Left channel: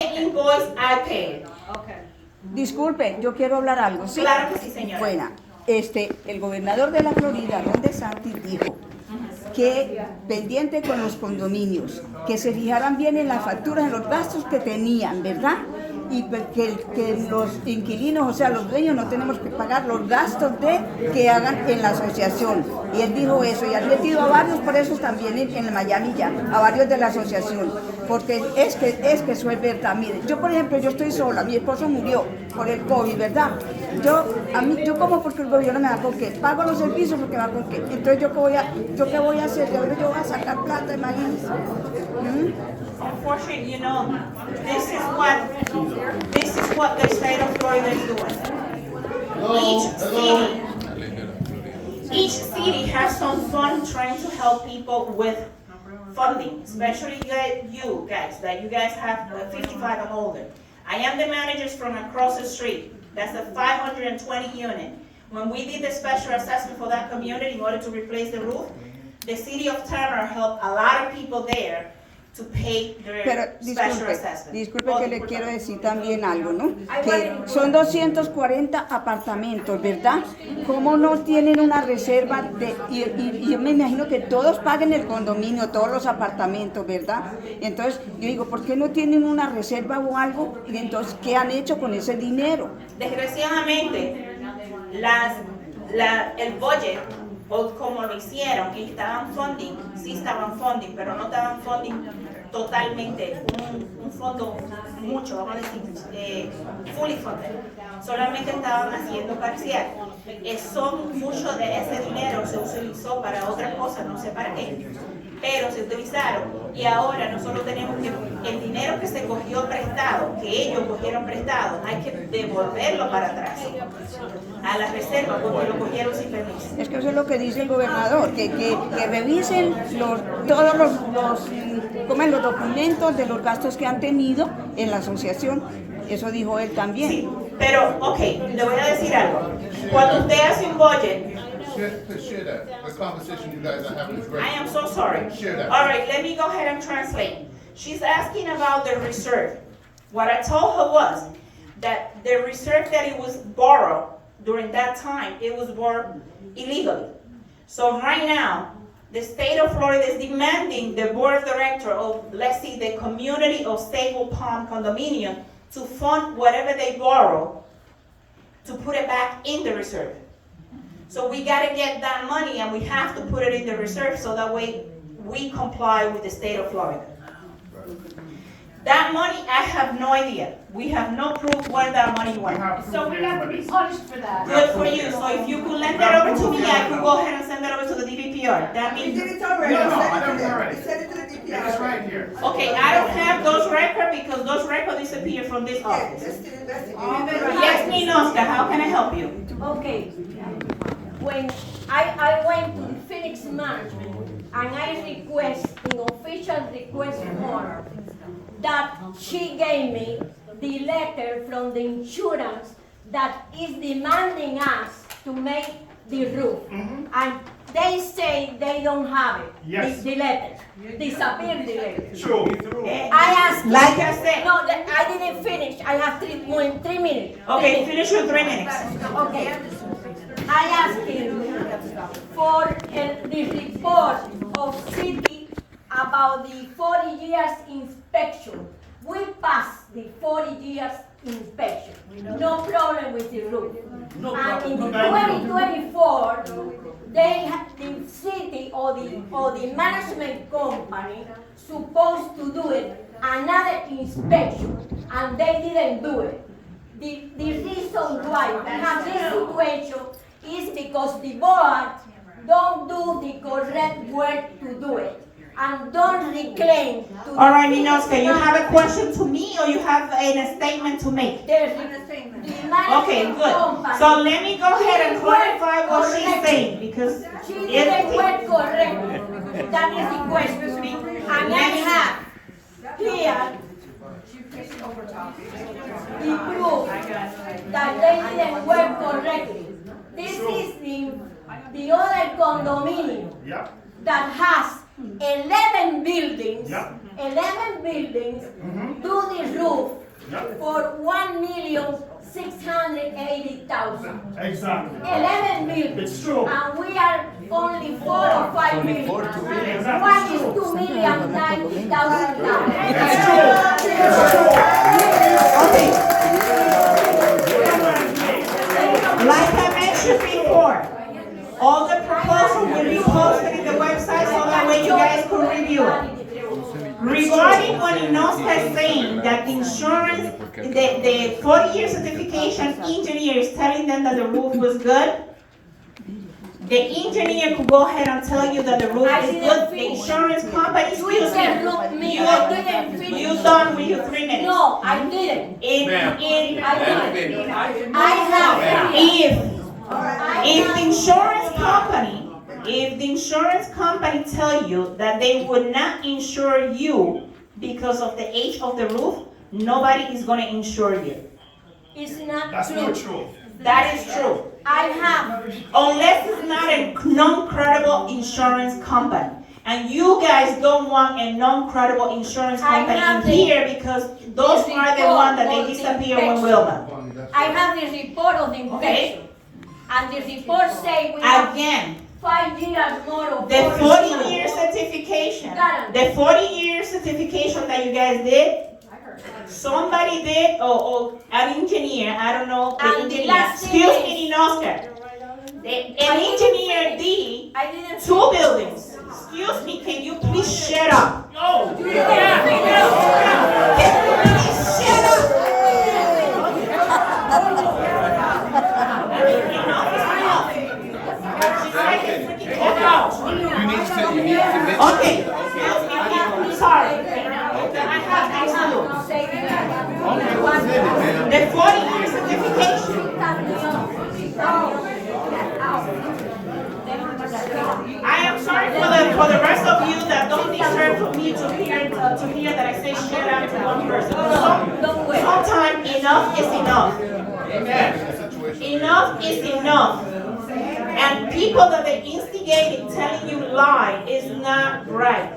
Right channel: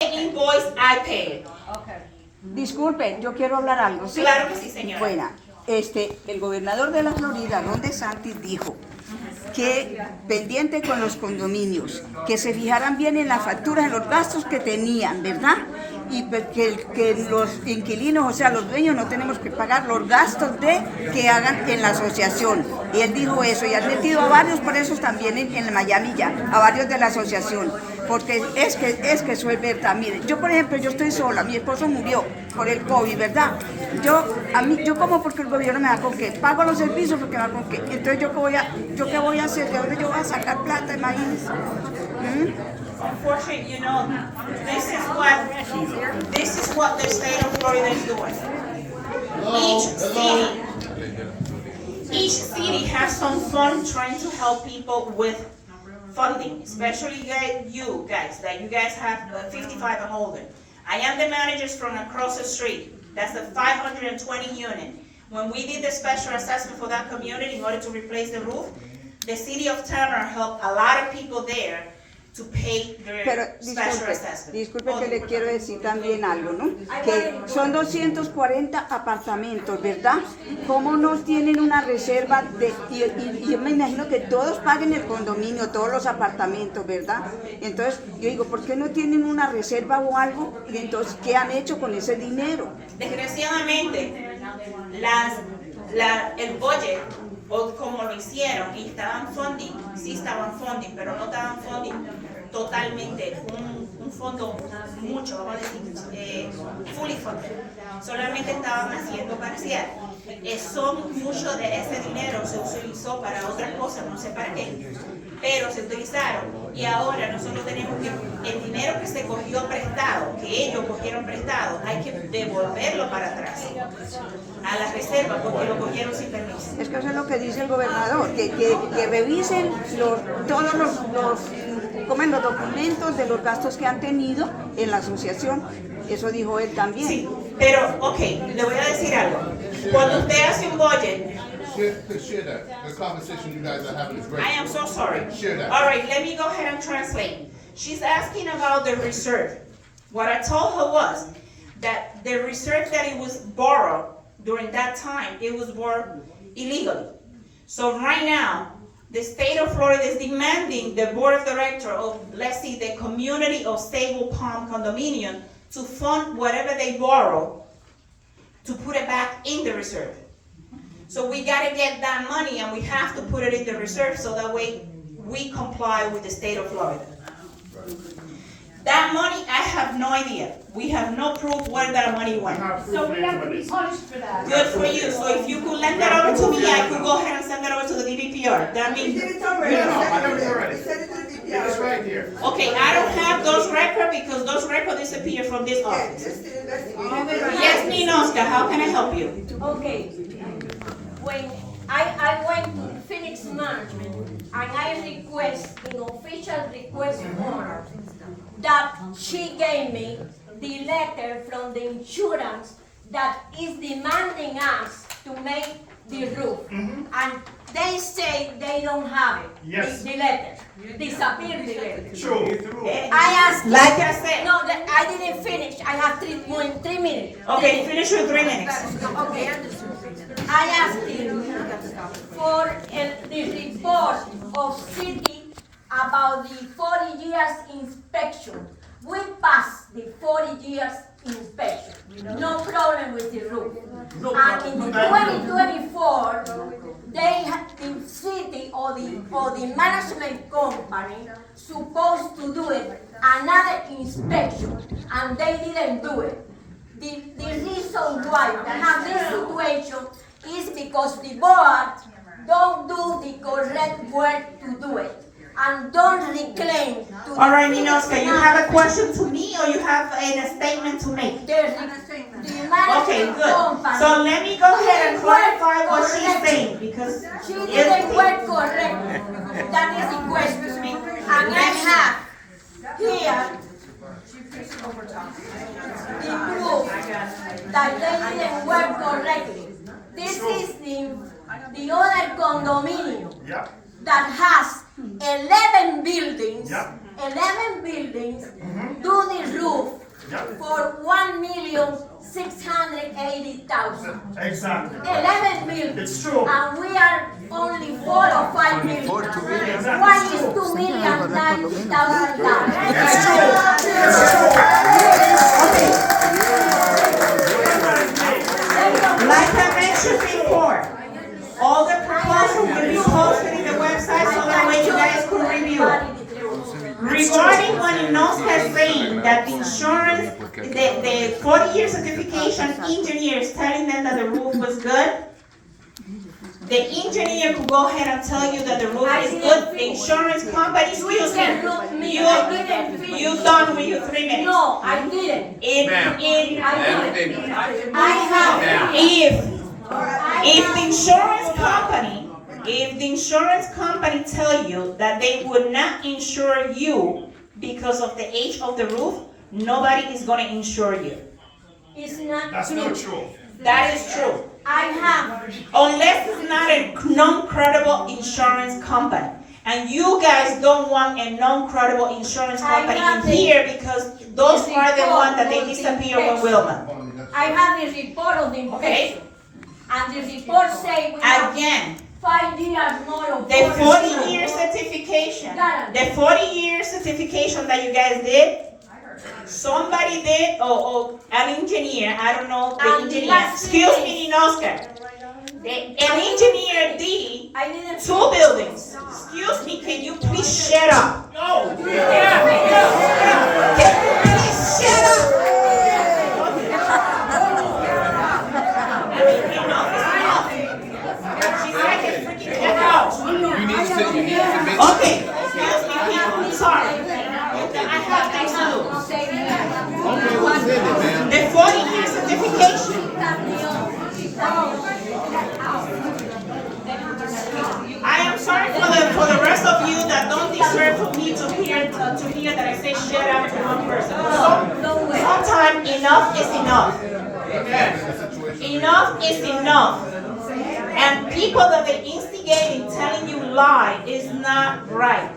invoice I paid. Disculpe, yo quiero hablar algo, ¿sí? Claro que sí, señora. Bueno, el gobernador de la Florida, Ron DeSantis, dijo que pendiente con los condominios, que se fijaran bien en las facturas, en los gastos que tenían, ¿verdad? Y que los inquilinos, o sea, los dueños, no tenemos que pagar los gastos que hagan en la asociación. Y él dijo eso, y ha advertido a varios presos también en Miami ya, a varios de la asociación, porque es que eso es verdad. Mire, yo por ejemplo, yo estoy sola, mi esposo murió por el COVID, ¿verdad? Yo como porque el gobierno me da con qué, pago los servicios porque me da con qué. Entonces yo qué voy a hacer, de ahora yo voy a sacar plata, imagínense. Unfortunately, you know, this is what the state of Florida is doing. Each city has some fund trying to help people with funding, especially you guys, that you guys have 55 and older. I am the managers from across the street. That's a 520 unit. When we did the special assessment for that community in order to replace the roof, the city of Turner helped a lot of people there to pay their special assessment. Disculpe que le quiero decir también algo, ¿no? Que son 240 apartamentos, ¿verdad? ¿Cómo no tienen una reserva y yo me imagino que todos paguen el condominio, todos los apartamentos, ¿verdad? Entonces, yo digo, ¿por qué no tienen una reserva o algo? Y entonces, ¿qué han hecho con ese dinero? Desgraciadamente, el budget, o como lo hicieron, y estaban funding, sí estaban funding, pero no estaban funding totalmente, un fondo mucho, vamos a decir, fully funded. Solamente estaban haciendo parcial. Mucho de ese dinero se utilizó para otra cosa, no sé para qué, pero se utilizaron. Y ahora nosotros tenemos que el dinero que se cogió prestado, que ellos cogieron prestado, hay que devolverlo para atrás a la reserva porque lo cogieron sin permiso. Es que eso es lo que dice el gobernador, que revisen todos los documentos de los gastos que han tenido en la asociación. Eso dijo él también. Sí, pero, ok, le voy a decir algo. Cuando usted hace un budget, Share that. The conversation you guys are having is great. I am so sorry. Share that. All right, let me go ahead and translate. She's asking about the reserve. What I told her was that the reserve that it was borrowed during that time, it was borrowed illegally. So right now, the state of Florida is demanding the board of directors of, let's see, the community of Stable Palm condominium to fund whatever they borrow to put it back in the reserve. So we got to get that money and we have to put it in the reserve so that way we comply with the state of Florida. That money, I have no idea. We have no proof where that money went. So we have to be punished for that. Good for you. So if you could lend that over to me, I could go ahead and send that over to the DVPR. That We means, did it already. No, I never already. We sent it to the DPR. It's right here. okay, I don't have those records because those records disappear from this Yeah, office. that's Yes, Ninoska, how can I help you? Okay. When I went to Phoenix Management and I request an official request form that she gave me the letter from the insurance that is demanding us to make the roof. And they say they don't have it. Yes. The letter. Disappeared the letter. True. I asked. Like I said. No, I didn't finish. I have 3 minutes. Okay, finish in 3 minutes. Okay. I asked him for the report of city about the 40 years inspection. We passed the 40 years inspection. No problem with the roof. And in the 2024, the city or the management company supposed to do it another inspection, and they didn't do it. The reason why we have this situation is because the board don't do the correct work to do it and don't reclaim to All right, Ninoska, you have a question to me or you have a statement to make? the Okay, management good. company. So let me go ahead and clarify what she's saying because She didn't work correctly. That is the question. And I have here the proof that they didn't work correctly. This is the other condominium Yep. that has 11 buildings. Yep. 11 buildings do this roof for 1,680,000. Exactly. 11 million. It's true. And we are only 4 or 5 million. One is $2,090,000. It's true. It's true. Like I mentioned before, all the proposals will be posted in the website so that way you guys can review it. Regarding what Inosca is saying, that insurance, the 40-year certification engineer is telling them that the roof was good, the engineer could go ahead and tell you that the roof is good. The insurance company, excuse me, you done with your 3 minutes. No, I didn't. If the insurance company tell you that they would not insure you because of the age of the roof, nobody is going to insure you. It's not That's true. not true. That is true. I have. Unless it's not a non-credible insurance company. And you guys don't want a non-credible insurance company in here because those are the ones that they disappear when Wilma. I have the report of the inspection. And the report say we have Again, 5 years more of the 40-year certification, the 40-year certification that you guys did, somebody did, or an engineer, I don't know, the And the engineer, last excuse thing me, Oscar. An engineer did I didn't 2 buildings. Excuse me, can you please shut up? No. Can you please shut up? She's like a freaking cow. You need to sit, you need to submit. Okay, excuse me, people, I'm sorry. I have things to do. The 40-year certification. I am sorry for the rest of you that don't deserve for me to hear that I say shut up to one person. Sometimes enough is enough. Enough is enough. And people that are instigating, telling you lie is not right.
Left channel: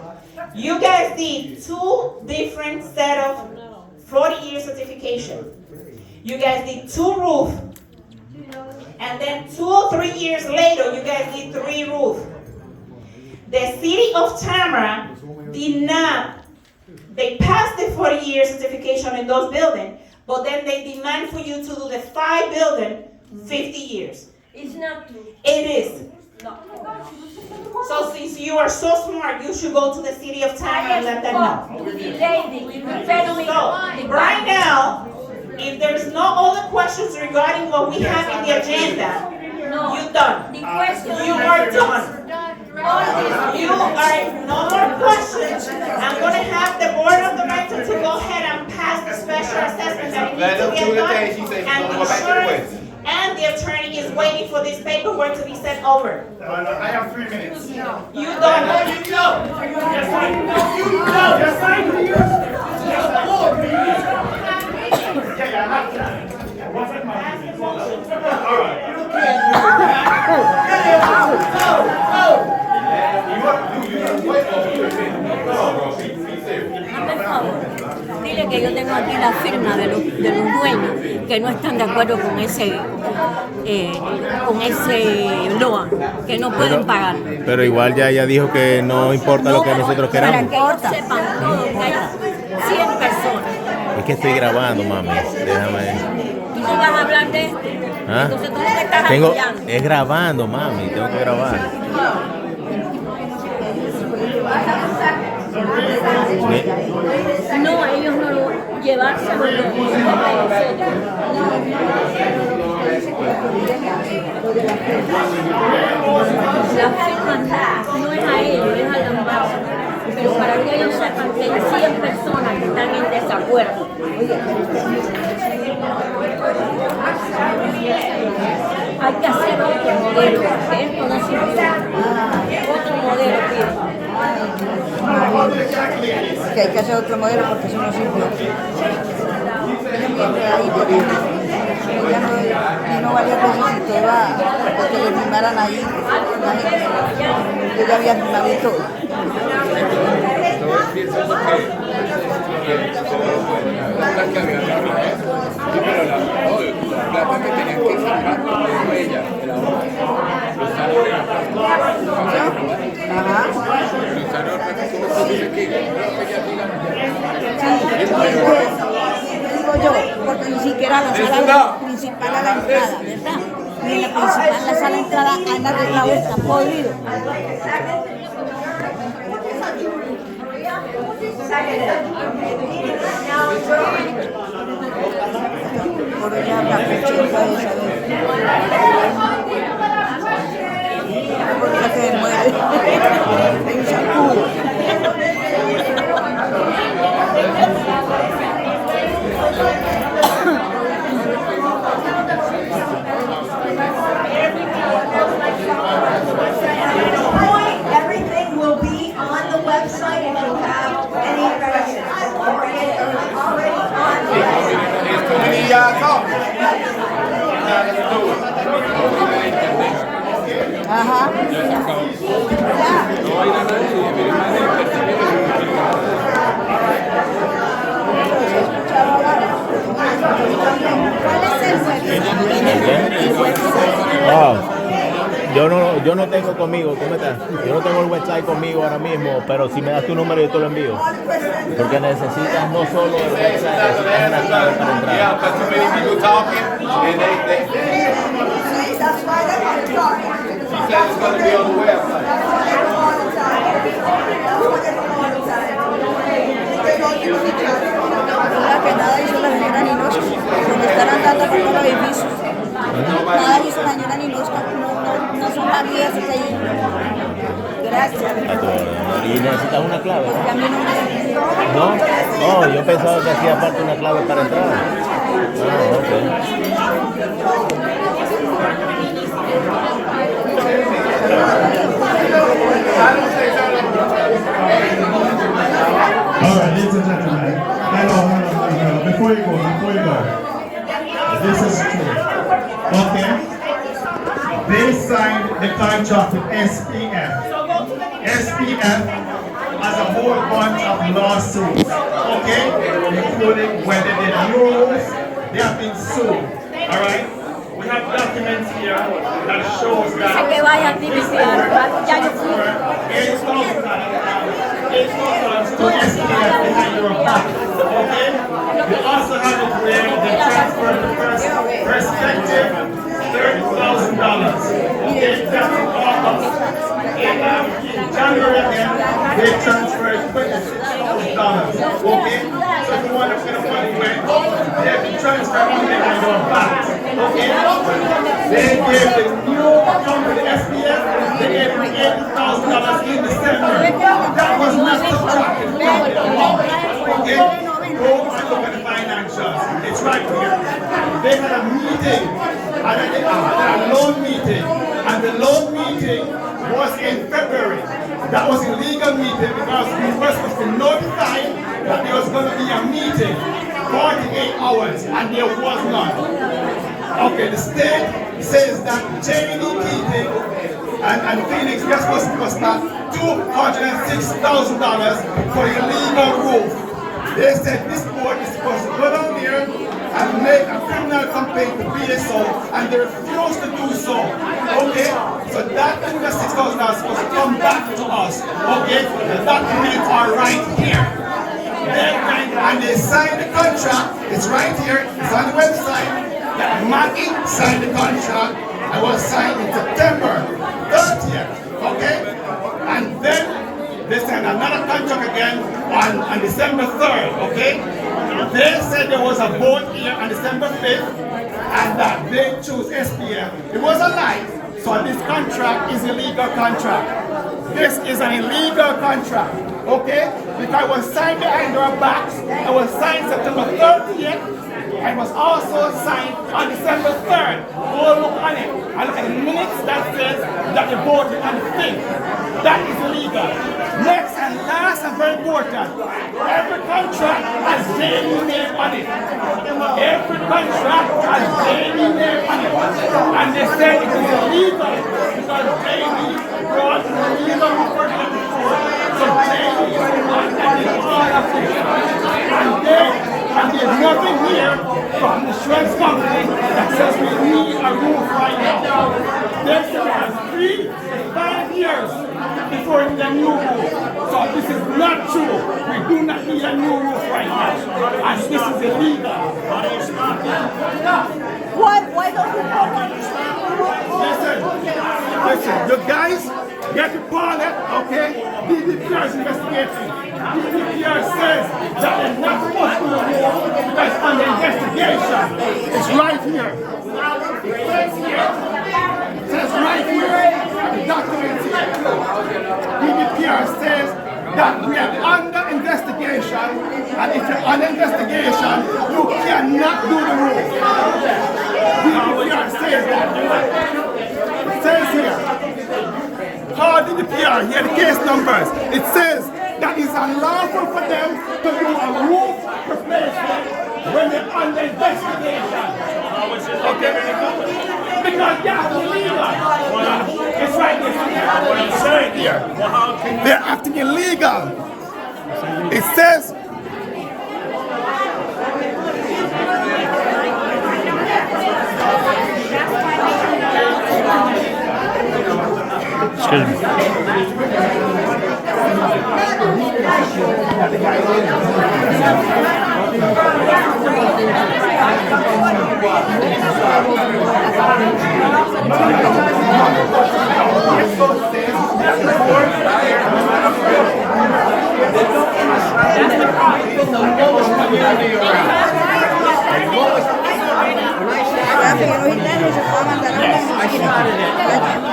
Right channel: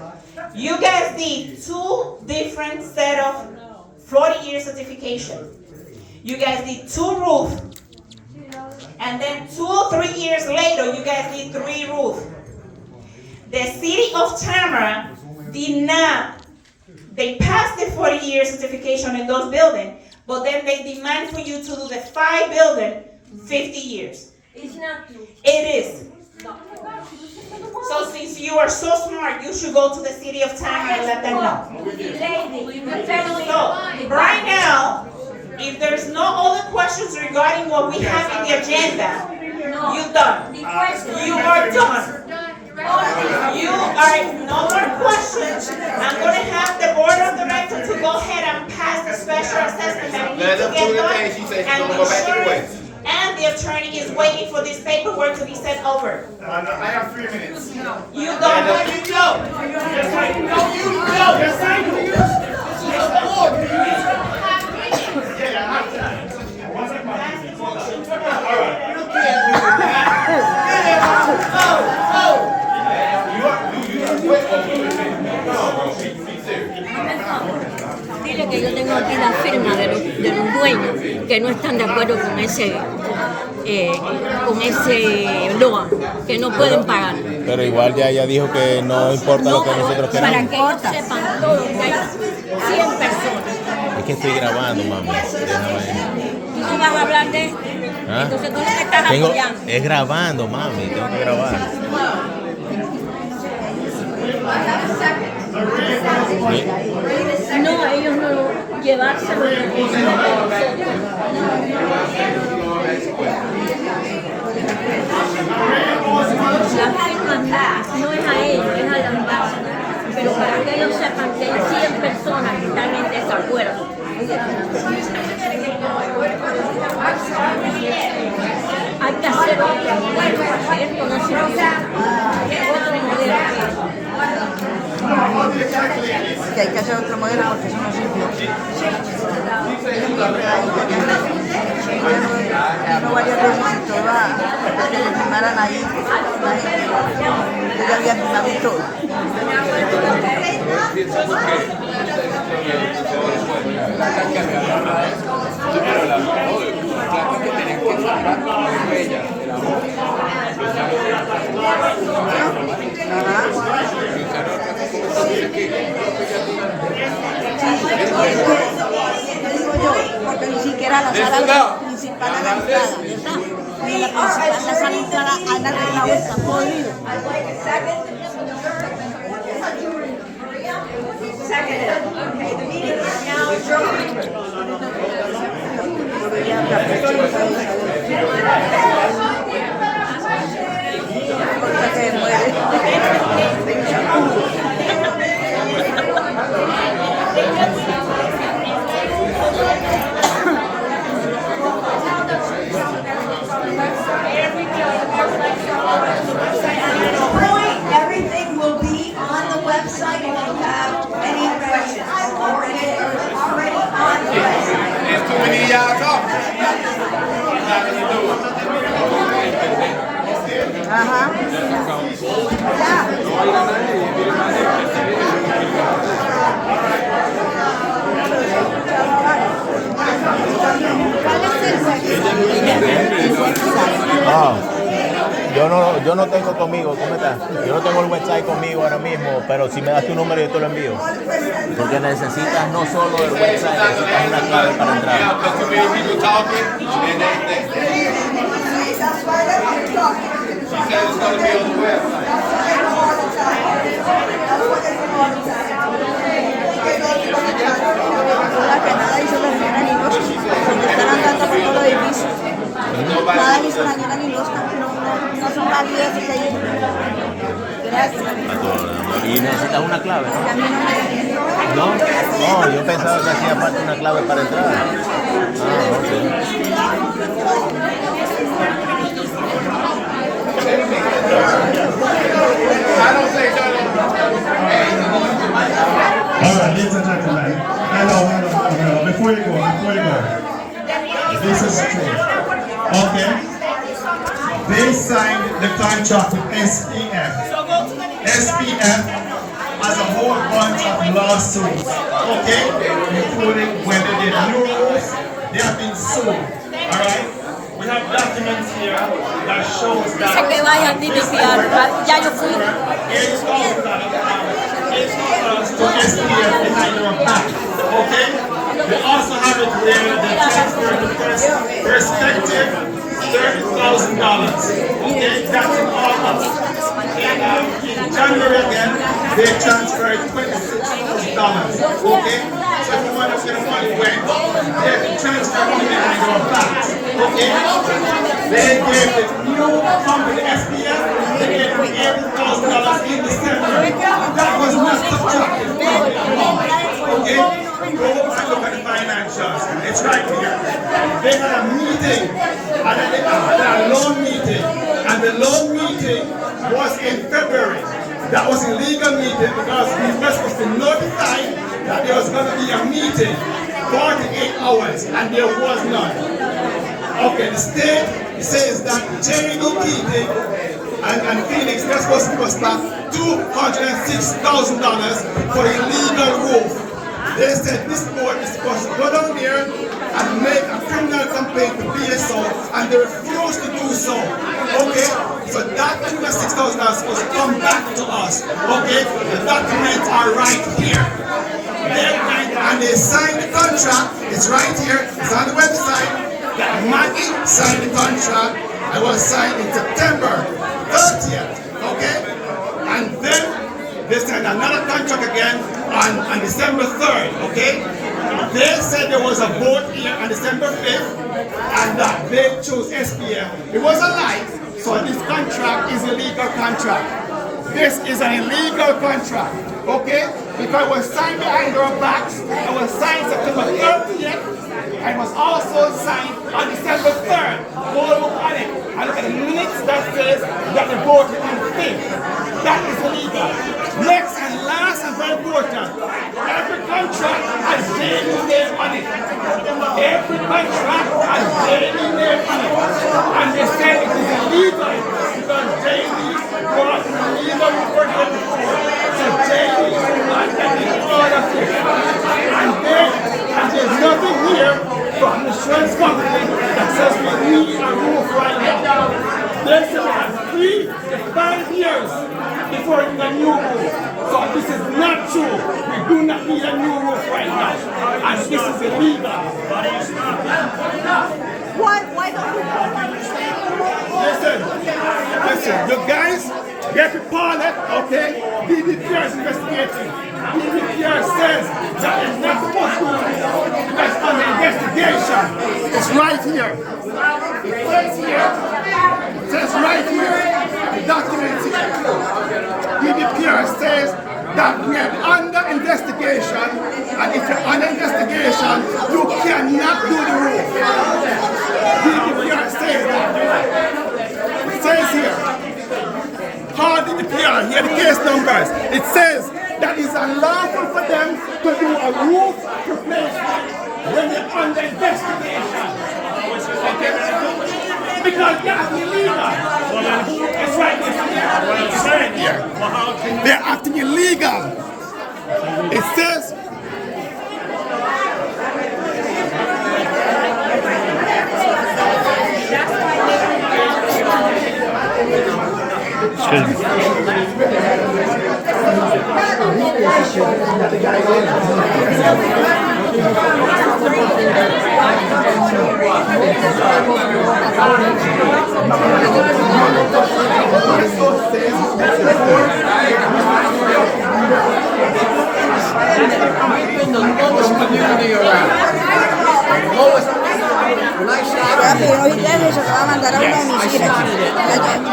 You guys did 2 different set of 40-year certification. You guys did 2 roof. And then 2 or 3 years later, you guys did 3 roof. The city of Tamara did not, they passed the 40-year certification in those buildings, but then they demand for you to do the 5 building 50 years. It's not true. It is. So since you are so smart, you should go to the city of Tamara and let them know. So right now, if there's no other questions regarding what we have in the agenda, you're done. You are done. You are no more questions. I'm going to have the board of directors to go ahead and pass the special assessment that needs to get done. And the insurance and the attorney is waiting for this paperwork to be sent over. I have 3 minutes. You don't let me go. Yes, I do. Yes, I do. Yes, the Lord. Yeah, I have time. What's that, my all right. Dile que yo tengo aquí la firma de los dueños que no están de acuerdo con ese loan, que no pueden pagar. Pero igual ya ella dijo que no importa lo que nosotros Para queramos. que ellos sepan todo, que hay 100 personas. Es que estoy grabando, mamá. Déjame. Tú no vas a hablar de esto. ¿Ah? Entonces tú no te estás Tengo, apoyando. es grabando, mami. Tengo que grabar. ¿Sí? No, ellos no lo llevárselo a nosotros. La firma no es a ellos, es a la embajada. Pero para que ellos sepan que hay 100 personas que están en desacuerdo. Hay que hacer otro modelo, porque esto no sirve. Otro modelo. Que hay que hacer otro modelo porque eso no sirvió. Vino varias veces y todo iba a que lo firmaran ahí. Yo ya había firmado y todo. Ajá. Digo yo, porque ni siquiera la sala principal a la entrada, ¿verdad? Ni en la principal, la sala de entrada han arreglado, está podrido. Por ella habla por porque se mueve. Everything will be on the website if you have any questions. Already on the website. There's too many y'all talking. Ajá. Ah, yo no tengo conmigo, ¿cómo estás? Yo no tengo el website conmigo ahora mismo, pero si me das tu número yo te lo envío. Porque necesitas no solo el website, necesitas una clave para entrar. Yeah, but too many people talking, and That's why they're talking. she said it's gonna be on the website. Que nada dice la señora Ninosca, se me están andando por todo el edificio. Nada dice la señora Ninosca, no son válidas esas ahí. Gracias. A tu orden, amor. Y necesitas una clave, Y a mí ¿no? No, yo pensaba que hacía falta una clave para entrar. Ah, ok. All right, ladies and gentlemen. Hello. Before you go. This is true. Okay. They signed the contract with SPF. SPF has a whole bunch of lawsuits. Okay, including whether they rules, they have been sued. All right. We have documents here that shows that. Eso que vaya a DPR, ya yo fui. $8,000 to SPF behind your back. Okay? We also have it where they transfer the perspective $30,000. Okay? That's in August. In January then, they transferred $26,000. Okay? So if you want to see the money went, they have to transfer money behind your back. Okay? They gave the new company SPF, they gave them $80,000 in December. That was not subtracted from the amount. Okay? Go and look at the financials. It's right here. They had a meeting, a loan meeting, and the loan meeting was in February. That was a legal meeting because we were supposed to notify that there was going to be a meeting 48 hours, and there was none. Okay, the state says that Jerry Keating and Phoenix, they're supposed to cost back $206,000 for a legal roof. They said this board is supposed to go down there and make a criminal complaint to BSO, and they refused to do so. Okay, so that $206,000 is supposed to come back to us. Okay, the documents are right here. And they signed the contract. It's right here. It's on the website. That Maggie signed the contract. It was signed in September 30th. Okay, and then they signed another contract again on December 3rd. Okay, they said there was a vote here on December 5th, and that they chose SPF. It was a lie. So this contract is a legal contract. This is an illegal contract, okay? Because it was signed behind our backs, it was signed September 30th, and was also signed on December 3rd. Go look on it, and look at the minutes that says that they voted on the 5th. That is illegal. Next and last and very important, every contract has daily name on it. Every contract has daily name on it. And they say it is illegal because daily brought illegal for them before. So daily is underneath all of this. And there's nothing here from the insurance company that says we need a roof right now. They say we have 3 to 5 years before we need a new roof. So this is not true. We do not need a new roof right now. And this is illegal. Why don't you call Listen, the guys get the pilot, okay? DDPR is investigating. DDPR says that they're not supposed to do the roof. That's under investigation. It's right here. It says here. It says right here. The document here. DDPR says that we are under investigation, and if you're under investigation, you cannot do the roof. DDPR says that. It says here, call DDPR, here are the case numbers. It says that it's unlawful for them to do a roof replacement when they're under investigation. Okay? Because that's illegal. It's right there. It's right here. They're acting illegal. It says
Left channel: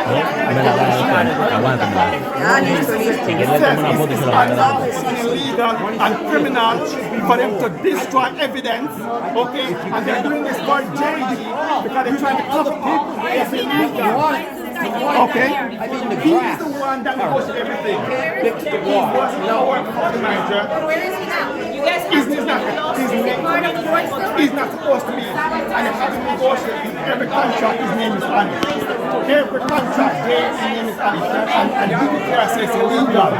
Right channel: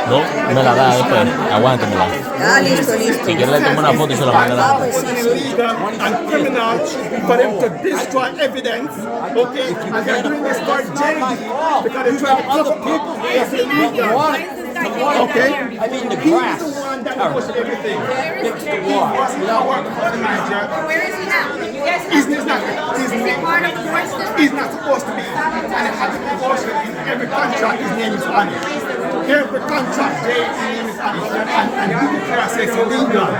No, me la da después. Aguántamela. Ah, listo, listo. Si quieres le tomo una foto y se la mando a la it's illegal and criminal for them to destroy evidence, okay? And they're doing this for JD because they're trying to cover people. It's illegal. Okay? I mean, the He's grass. the one that knows everything. Fix the He water. was not working for the manager. Where is he now? You guys He's not. is he part of the board still? He's not supposed to be. And it has to be negotiated. Every contract, his name is on it. Every contract, his name is on it. And DDPR says it's illegal.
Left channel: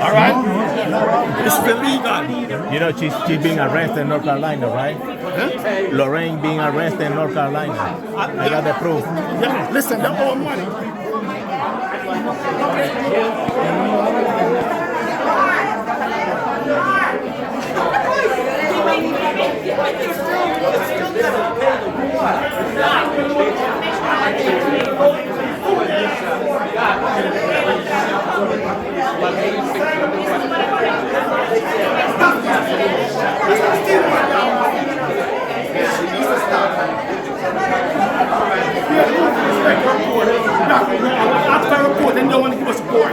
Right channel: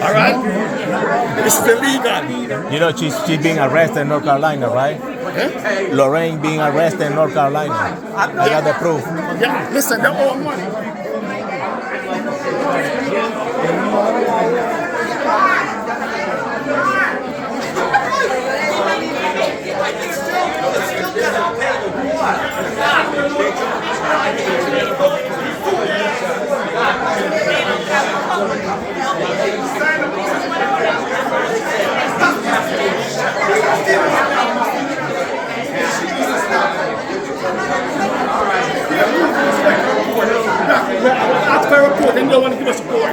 All right? It's illegal. You know, she's being arrested in North Carolina, right? Lorraine being arrested in North Carolina. I got the proof. Yeah, listen, they're all money. After a report, they don't want to give us support.